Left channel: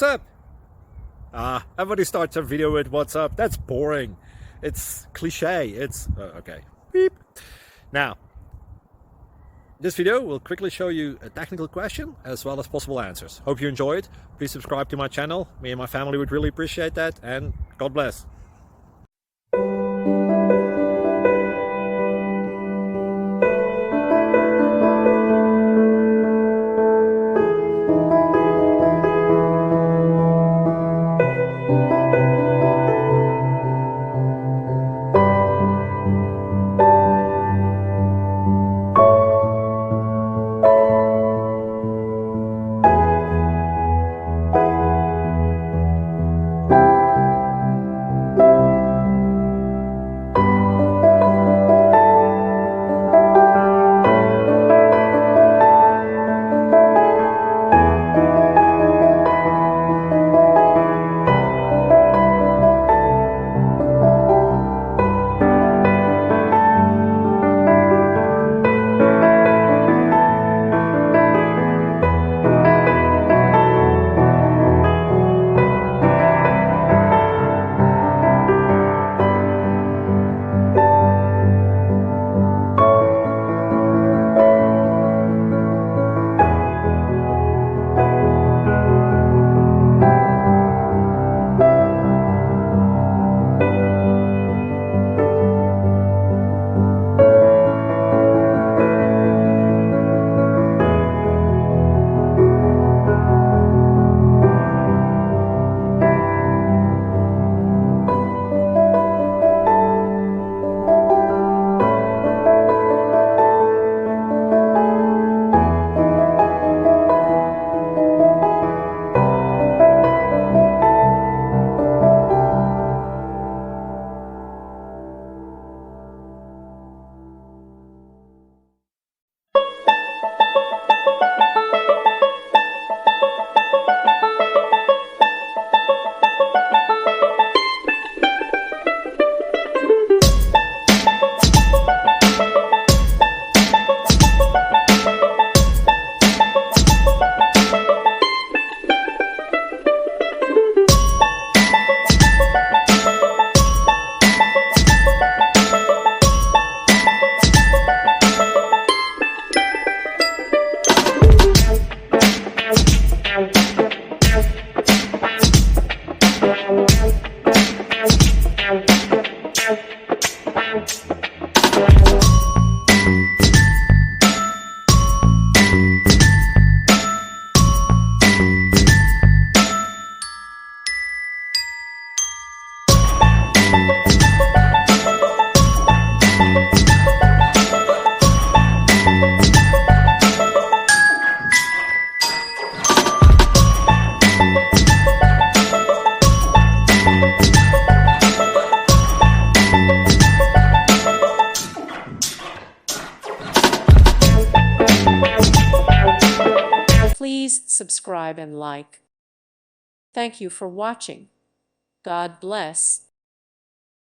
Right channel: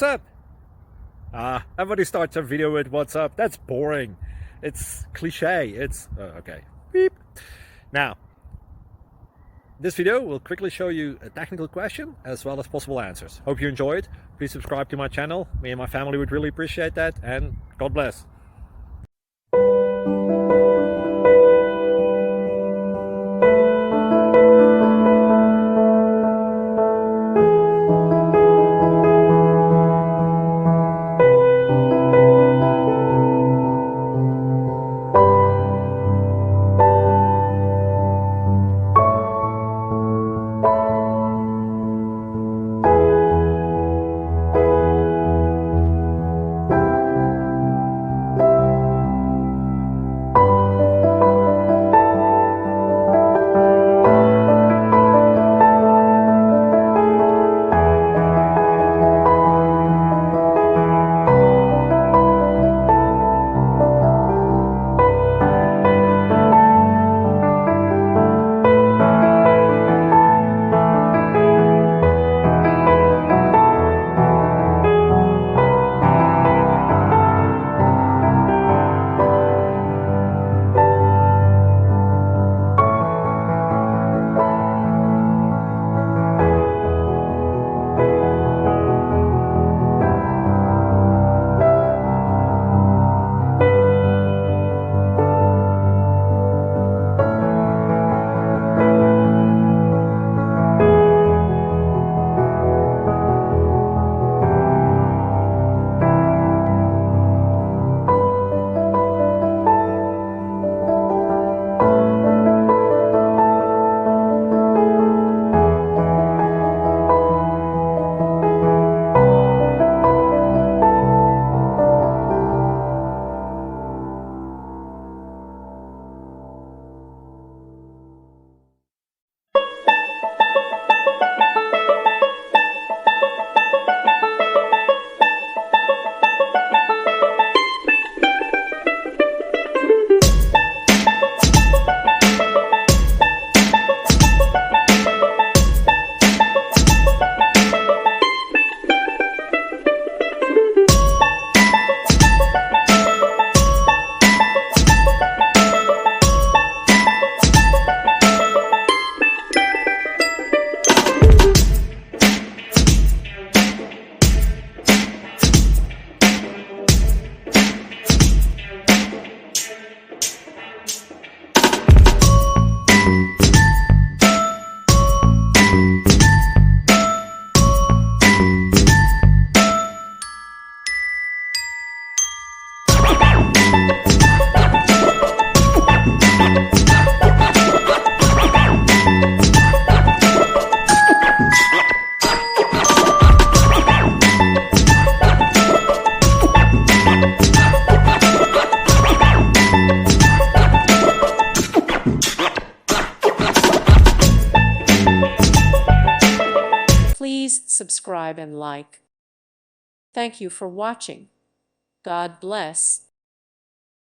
what's up? Everybody starts a video with what's up. That's boring. It's cliche. It's okay. Beep. Now, this video will quickly show you a technical question as well as possible answers. Hope you enjoyed. Please subscribe to my channel. Me and my family would really appreciate that, and God bless. Please subscribe and like. Thank you for watching. God bless.